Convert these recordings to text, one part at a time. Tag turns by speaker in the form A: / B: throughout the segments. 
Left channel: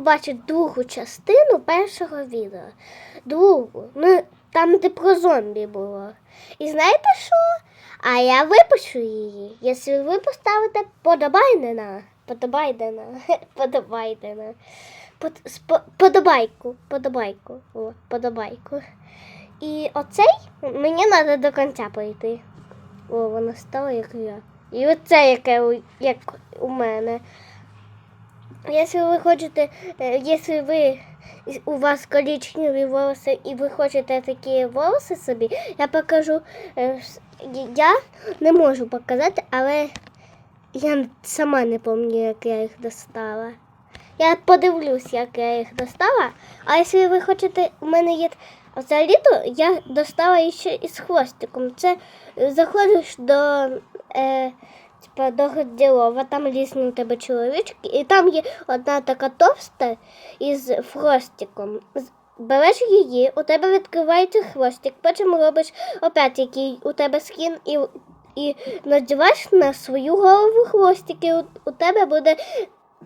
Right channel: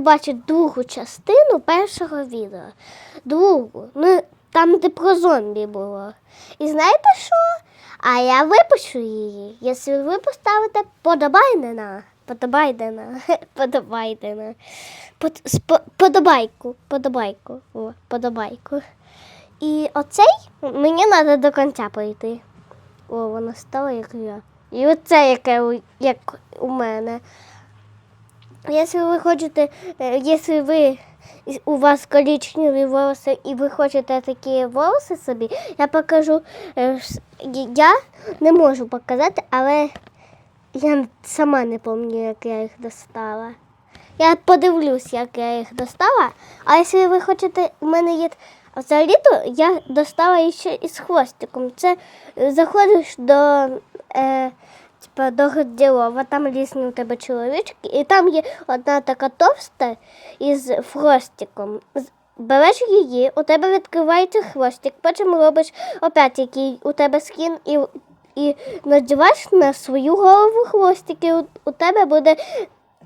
A: побачити другу частину першого відео. Другу. Ну, там, де про зомбі було. І знаєте що? А я випущу її. Якщо ви поставите подобайдена. Подобайдена. Подобайдена. Подобайку. Подобайку. О, подобайку. І оцей мені треба до кінця пройти. О, воно стало як я. І оце, яке як у мене. Якщо ви хочете, е, якщо ви у вас коричневі волоси і ви хочете такі волоси собі, я покажу. е, Я не можу показати, але я сама не пам'ятаю, як я їх достала. Я подивлюсь, як я їх достала. А якщо ви хочете, у мене є взагалі, то я достала ще із хвостиком. Це е, заходиш до. Типа до там різні у тебе чоловічки, і там є одна така товста із хвостиком. Береш її, у тебе відкривається хвостик, потім робиш опять який у тебе скін і, і надіваєш на свою голову хвостик, і у, у тебе буде.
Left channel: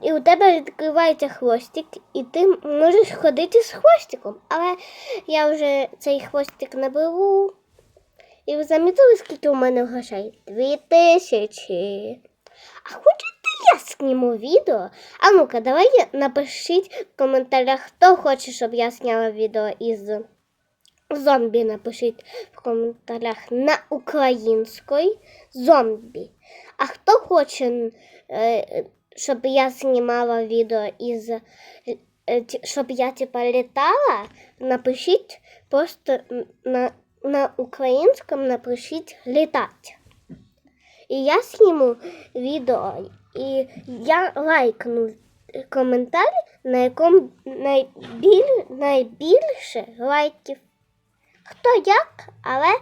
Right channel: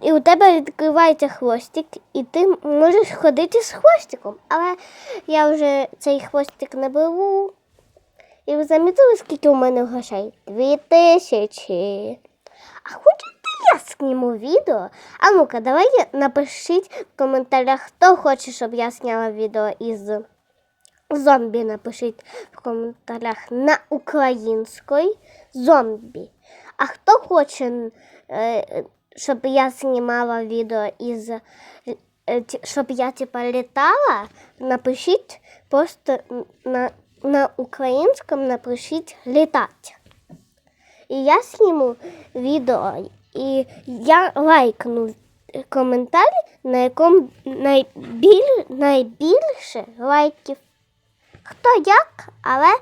A: І у тебе відкривається хвостик, і ти можеш ходити з хвостиком. Але я вже цей хвостик не беру. І ви замітили, скільки у мене грошей? Дві тисячі. А хочете я зніму відео? А ну-ка, давай напишіть в коментарях, хто хоче, щоб я зняла відео із зомбі. Напишіть в коментарях на українській зомбі. А хто хоче, е, щоб я знімала відео із е, щоб я типа літала, напишіть просто на, на українському напишіть літати. І я зніму відео, і я лайкну коментар, на якому найбіль, найбільше лайків. Хто як, але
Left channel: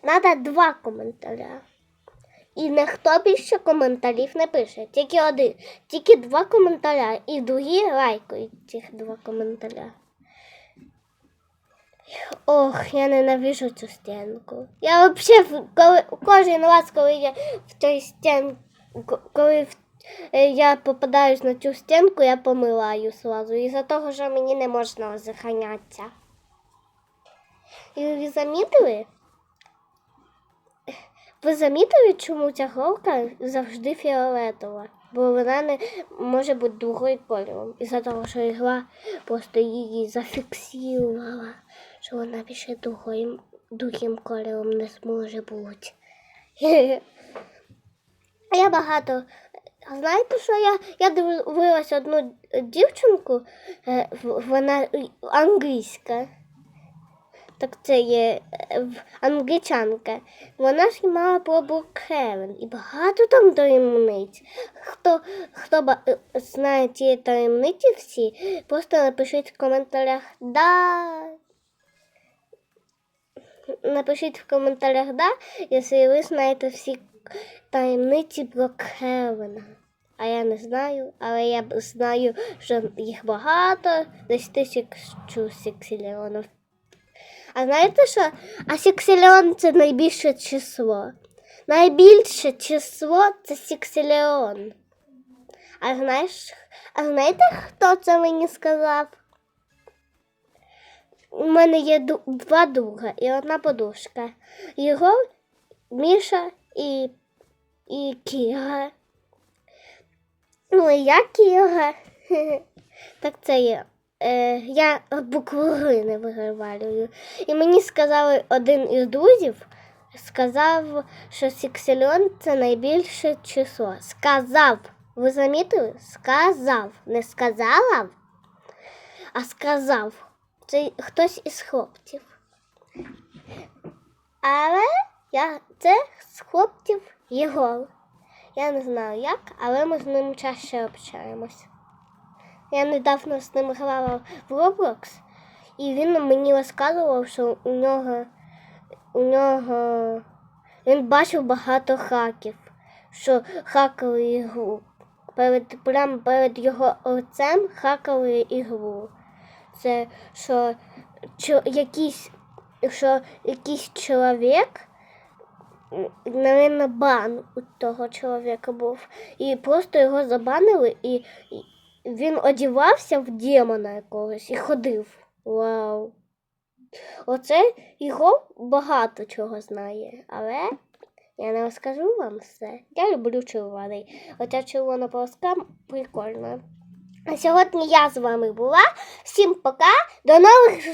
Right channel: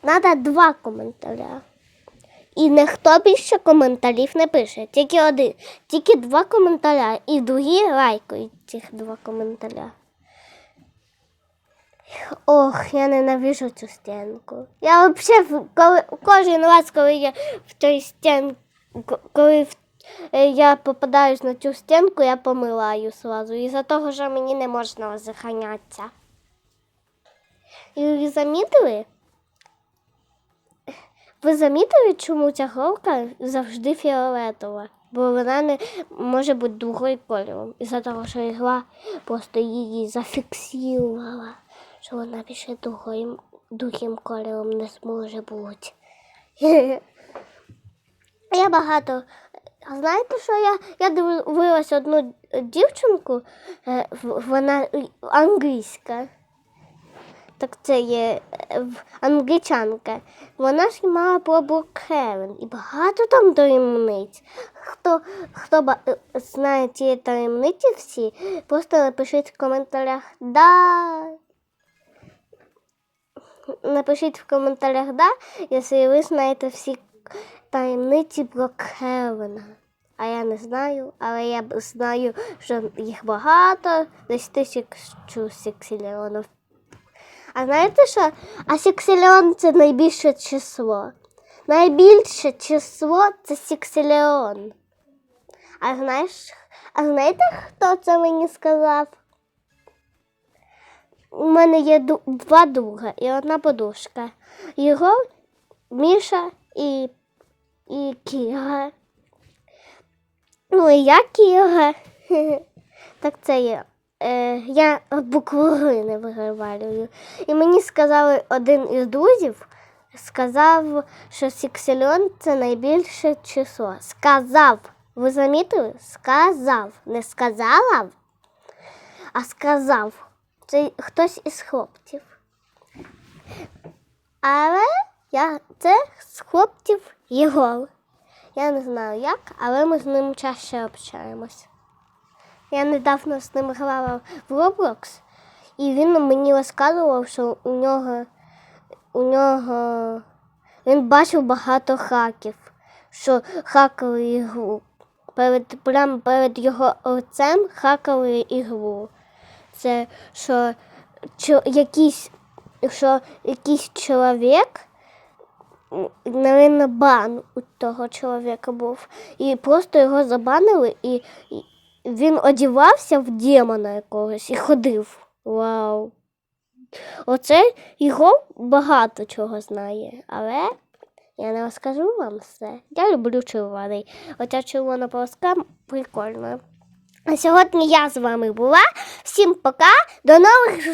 A: треба два коментаря. І ніхто більше коментарів не пише, тільки один, тільки два коментаря, і другі лайкають цих два коментаря. Ох, я ненавижу цю стінку. Я взагалі коли, кожен раз, коли я в цій стінку, коли в- е, я попадаюсь на цю стінку, я помилаю сразу. Із-за того, що мені не можна заханятися. І ви замітили? Ви замітили, чому ця голка завжди фіолетова? Бо вона не може бути другою кольором. Із-за того, що ігла просто її зафіксувала, що вона більше другим, другим кольором не зможе бути. Я багато. Знаєте, що я, я дивилася одну дівчинку, е, вона англійська. Так це є е, англічанка. Вона знімала про Брукхевен і багато там таємниць. Хто, хто е, знає ці таємниці всі, просто напишіть в коментарях да. Напишіть в коментарях да, якщо ви знаєте всі таємниці Брукхевена. А я не знаю, але я знаю, що їх багато, десь тисячу сексіліонів. А знаєте що? А сексіліон це найбільше число. Найбільше число це сексіліон. А знаєш, а знаєте, хто це мені сказав? У мене є два друга і одна подушка. Єгор, Міша і, і Кіра. Ну і я Кіра. Так це є. Е, я букву Г не виговарюю. І мені сказали один із друзів, сказав, що сексільон це найбільше число. Сказав. Ви замітили? Сказав. Не сказала, а сказав. Це хтось із хлопців. Але я це з хлопців Єгор. Я не знаю як, але ми з ним чаще общаємось. Я недавно з ним грала в Roblox, і він мені розказував, що у нього, у нього він бачив багато хаків, що хакали ігру. Перед, прямо перед його лицем хакали ігру. Це що, чо, якийсь, що якийсь чоловік, навіть бан у того чоловіка був. І просто його забанили, і, він одівався в демона якогось і ходив. Вау. Оце його багато чого знає, але я не розкажу вам все. Я люблю червоний. Оця червона полоска прикольна. А сьогодні я з вами була. Всім пока, до нових зустрічей!